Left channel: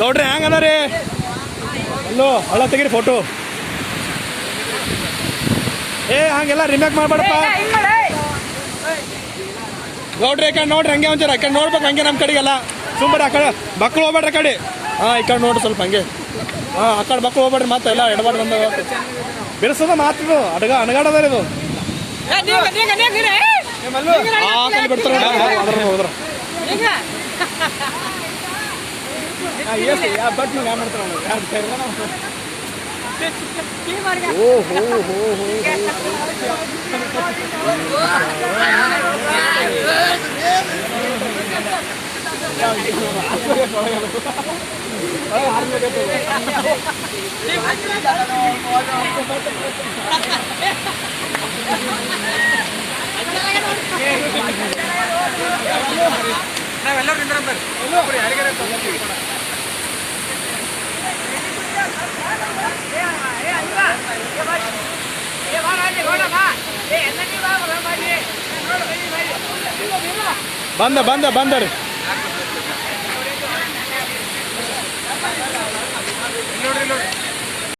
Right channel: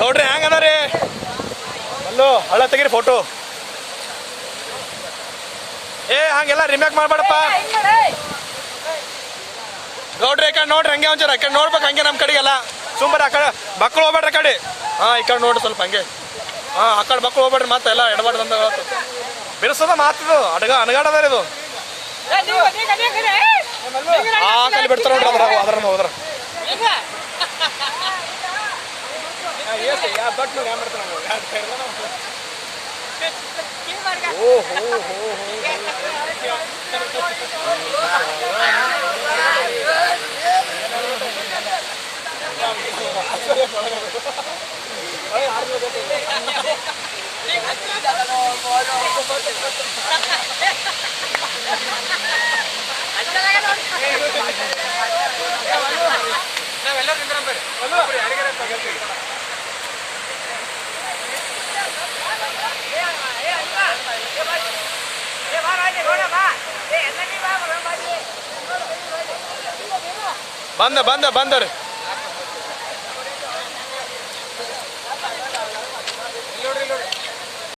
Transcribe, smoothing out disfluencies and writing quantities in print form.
ಗೌಡ್ರಿ ಹೆಂಗ ಅದಾರಿ ಅಲ್ಲೋ ಹಳ್ಳ ತೆಗೀರಿ ಫೋಟೋ ಹಂಗೆಲ್ಲ ರಿಮೇಕ್ ಮಾಡ್ಬೇಡಪ್ಪ ಗೌಡ್ರಿ ಈ ಕಡೆ ನೋಡ್ರಿ ಹಂಗೆ ಒಂಚೂರು ಈ ಕಡೆ ನೋಡ್ಬೇಕು ಹಂಗೆ ನಮ್ಮ ಕಡೆಗೆಲ್ಲ ಸುಮ್ಮನೆ ಆ ಕಡೆ ಮಕ್ಕಳು ಹೋಗ್ಬೇಡ್ರಿ ಕಡೆ ಈ ಕಡೆ ನೋಡ್ರಿ ಸ್ವಲ್ಪ ಹಂಗೆ ಆ ಕಡೆ ಮಕ್ಕಳು ಹೋಗ್ಬೇಡ್ರಿ ಮತ್ತೆ ಎಲ್ಲ ಎಡಬಾರ್ದು ಅಂದ ಬಿಡಿಸೋದ ಮಾತದು ಅನಗಾಡದ ಇದು ಆ ಕಡೆ ಬಿಡ್ತಾರ ನೋಡ್ರಿ ಅದ್ರ ಹೋದ್ರ ಬಂದ ಬಂದ ಬಂದರಿ